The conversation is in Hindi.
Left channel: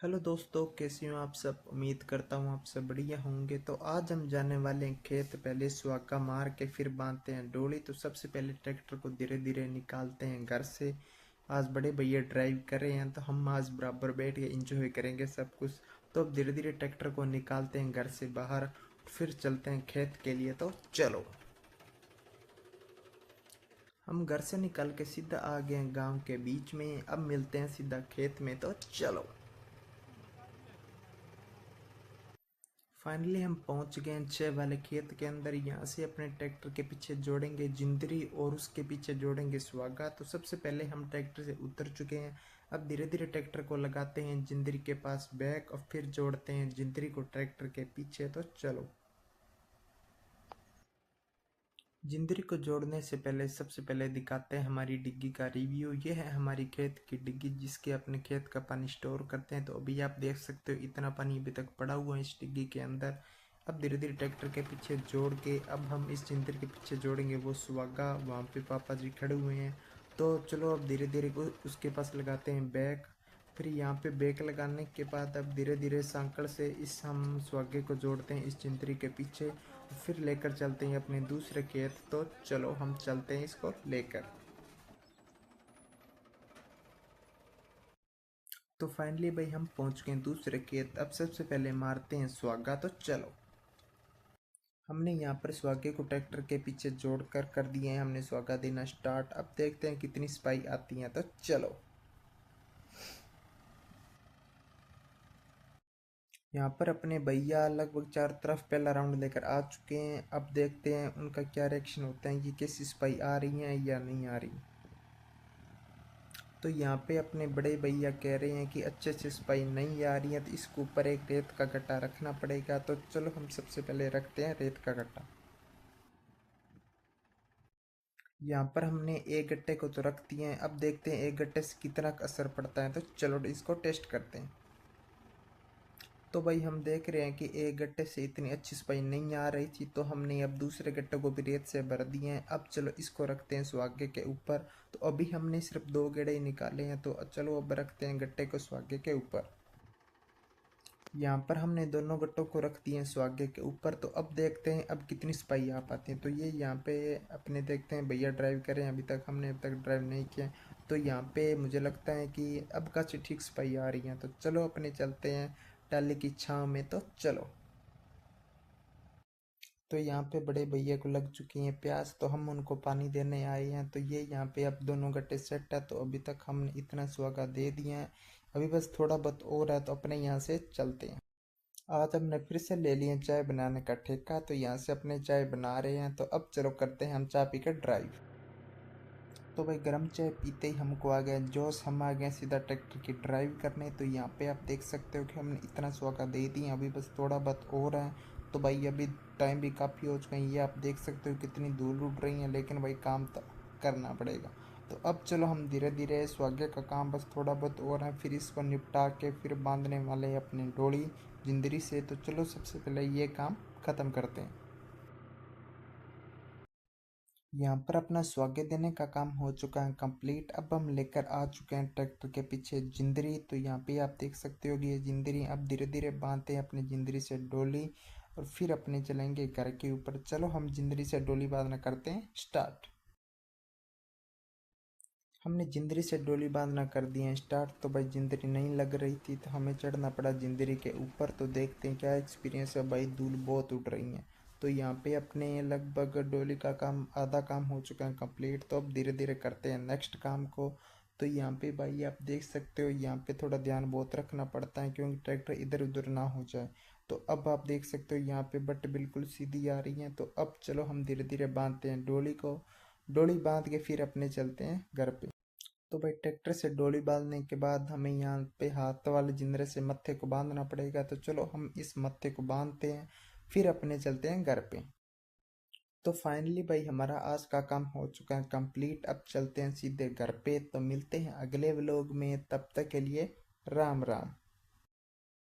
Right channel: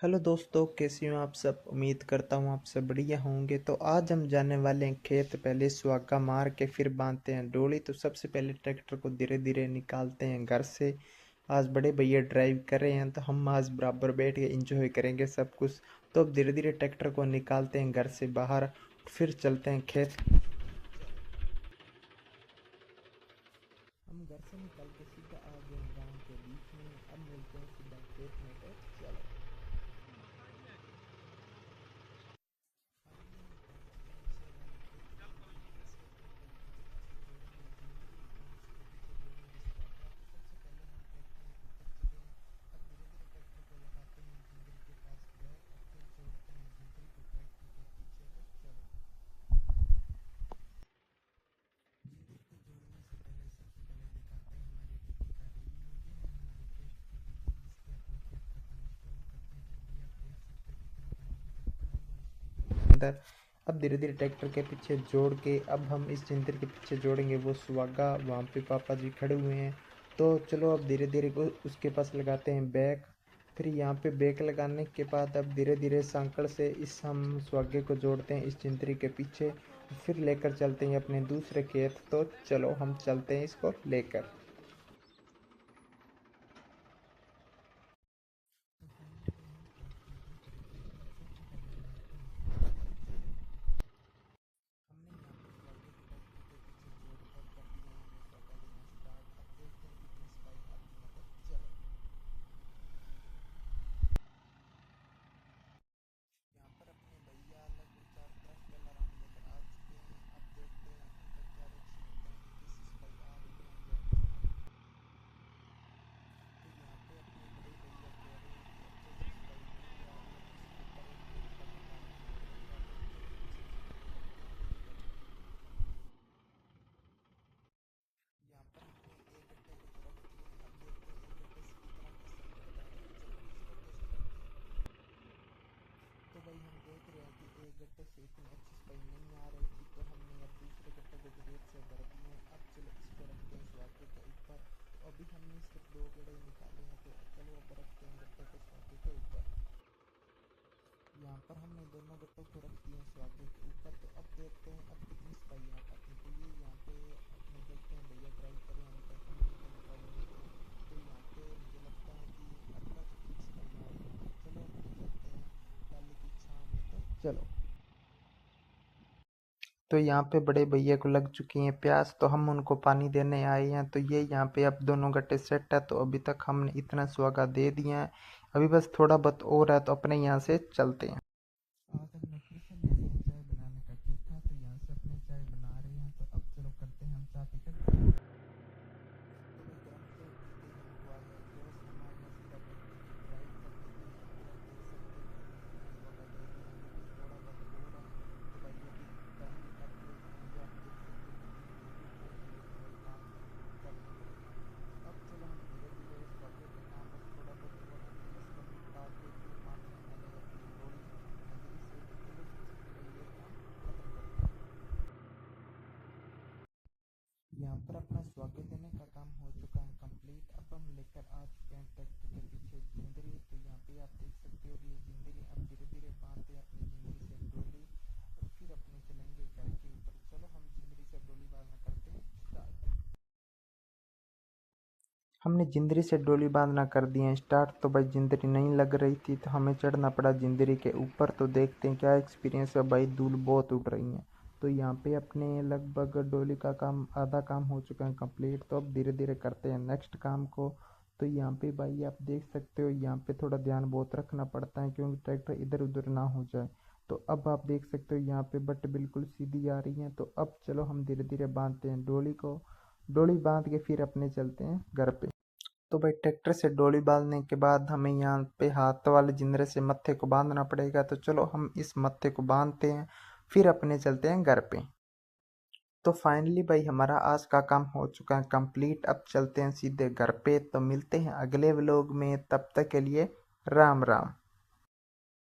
हेलो दोस्तों, कैसे हो आप सब। उम्मीद करता हूँ आप सब बढ़िया होंगे। तो आज हम जाने वाले हैं खेत। पहले सुहागा मार के फिर बांधते हैं डोली। तो सबसे पहले ट्रैक्टर को धीरे धीरे निकालते हैं घर से। आज बड़े भैया ड्राइव कर रहे हैं तो हम आज बराबर बैठ के इंजॉय करेंगे सब कुछ। तो अब धीरे धीरे ट्रैक्टर को निकालते हैं घर से बाहर, फिर चलते हैं खेत के लिए। तो चलो, हम घर से निकल के सीधा आ गए हैं गाँव के बीच में। अब मिलते हैं सीधा खेत में। तो चलो, फाइनली हम पहुंच गए हैं 6 वाले खेत के अंदर। यहाँ से अपने ट्रैक्टर के पीछे जोड़ेंगे जिंदरी और उसके पीछे जोड़ेंगे सुहागा। तो सबसे पहले हम ट्रैक्टर से उतर चुके हैं। अब धीरे धीरे ट्रैक्टर को लगाते हैं जिंदरी के पास बैक और फिर जोड़ते हैं जिंदरी को ट्रैक्टर के पीछे। तो चलो, जिंदरी को जोड़ने से पहले सबसे पहले दिखाते हैं हमारी डिग्गी का रिव्यू। ये है हमारी खेत की डिग्गी जिसके अपने खेत का पानी स्टोर करते हैं। तो अभी आप देख सकते हो इतना पानी अभी तक पड़ा हुआ है इस डिग्गी के अंदर। अब धीरे धीरे ट्रैक्टर के पीछे जोड़ के अब हम इस जिंदरी के पीछे जोड़ेंगे वो सुहागा। वहाँ पे पापा जी खड़े हुए हैं। तो चलो अब धीरे धीरे उसके पास लगाते हैं बैक। फिर यहाँ पे बैक लगाने के बाद अब धीरे धीरे सांकड़ से इस हम सुहागे को जोड़ते हैं इस जिंदरी के पीछे। फिर लेकर चलते हैं अपने दूसरे खेत। तो चलो हम चलते हैं इसको लेकर। तो फाइनली भाई हम पहुंच गए दूसरे खेत। अब सबसे पहले मारते हैं सुहागा। तो चलो, हमने यहाँ पर सुहागे को ट्रैक्टर के पीछे जोड़कर कर दिए हैं हमने सुहागा देना स्टार्ट। अब देखते हैं कितनी स्पाई आती है। तो चलो, यहाँ पर अपने भैया लगभग चार तरफ पहला राउंड लेकर आ चुके हैं। अब देखते हैं उनका क्या रिएक्शन होता है कि कैसी स्पाई आ रही है या नहीं आ रही। तो यहाँ पे अपने बड़े भैया कह रहे हैं कि अच्छे से सफाई नहीं आ रही है तो इसके ऊपर एक रेत का गड्ढा रखना पड़ेगा। तो चलो हम सबसे पहले रखते हैं रेत का गड्ढा। यहाँ पर हमने एक गट्टे को तो रख दिए हैं। अब देखते हैं एक गट्टे से कितना असर पड़ता है। तो चलो इसको टेस्ट करते हैं। तो भाई हम देख रहे हैं कि एक गट्टे से इतनी अच्छी सफाई नहीं आ रही थी, तो हमने अब दूसरे गट्टे को भी रेत से भर दिए हैं। अब चलो इसको रखते हैं सुहागे के ऊपर। तो अभी हमने सिर्फ 2 गेड़े ही निकाले हैं। तो चलो अब रखते हैं गट्टे को सुहागे के ऊपर। यहाँ पर हमने दोनों गट्टों को रख दिए हैं सुहागे के ऊपर। तो अब देखते हैं अब कितनी सफाई आ पाती है। तो ये यहाँ पे अपने देखते हैं भैया ड्राइव करें, अभी तक ड्राइव नहीं किया। तो यहाँ पे मुझे लगता है कि अब का ठीक सफाई आ रही है। तो चलो अपने चलते हैं टाली की छाँव में। तो चलो, तो यहाँ पे बड़े भैया को लग चुकी है प्यास, तो हम उनको पानी देने आए हैं। तो ये यहाँ पे अब दोनों गट्टे सेट है। तो अभी तक हमने इतना सुहागा दे दिया है, अभी बस थोड़ा बहुत और है। तो अपने यहाँ से चलते हैं। आज हमने फिर से ले लिया चाय बनाने का ठेका। तो यहाँ से अपने चाय बना रहे हैं। तो अब चलो करते हैं हम चाय पीकर ड्राइव। तो भाई गर्म चाय पीते ही हमको आ गया जोश। हम आ गए सीधा ट्रैक्टर की ड्राइव करने। तो यहाँ पे आप देख सकते हो कि हमने इतना स्वागा दे दिया, अभी बस थोड़ा बहुत और है। तो भाई अभी टाइम भी काफ़ी हो चुका है। ये आप देख सकते हो कितनी धूल उड़ रही है, लेकिन भाई काम तो करना पड़ेगा। तो अब चलो हम धीरे धीरे स्वागे का काम बस थोड़ा बहुत और है, फिर इसको निपटा के फिर बांधने वाले हैं अपनी डोली जिंदरी से। तो चलो सबसे पहले ये काम ख़त्म करते हैं। यहाँ पर अपना स्वागत देने का काम हो चुका है कंप्लीट। अब हम लेकर आ चुके हैं ट्रैक्टर के पीछे जिंदरी। तो यहाँ पे आप देख सकते हो कि ये जिंदरी अब धीरे धीरे बांधते हैं अपनी जिंदरी से डोली और फिर अपने चलेंगे घर के ऊपर। चलो हम जिंदरी से डोली बांधना करते हैं स्टार्ट। हमने जिंदरी से डोली बांधना कर दिए हैं स्टार्ट। तो भाई जिंदरी नहीं लग रही थी तो हमें चढ़ना पड़ा जिंदरी के ऊपर। तो देखते हैं क्या एक्सपीरियंस है। भाई धूल बहुत उड़ रही है। तो यहाँ पे अपने लगभग डोली का काम आधा काम हो चुका है कंप्लीट। तो अब धीरे धीरे करते हैं नेक्स्ट काम को। तो यहाँ पे भाई आप देख सकते हो यहाँ पे थोड़ा ध्यान बहुत रखना पड़ता है क्योंकि ट्रैक्टर इधर उधर ना हो जाए। तो अब आप देख सकते हो यहाँ पे बट बिल्कुल सीधी आ रही है। तो अब चलो हम धीरे धीरे बांधते हैं डोली को। डोली बांध के फिर अपने चलते हैं घर पे। तो भाई ट्रैक्टर से डोली बांधने के बाद हमें यहाँ पे हाथ वाले जिंदरे से मत्थे को बांधना पड़ेगा। तो चलो हम इस मत्थे को बांधते हैं, फिर अपने चलते हैं घर पे। तो फाइनली भाई हमारा आज का काम हो चुका है कंप्लीट। अब चलते हैं सीधे घर पे। तो मिलते हैं अगले व्लॉग में, तब तक के लिए राम राम।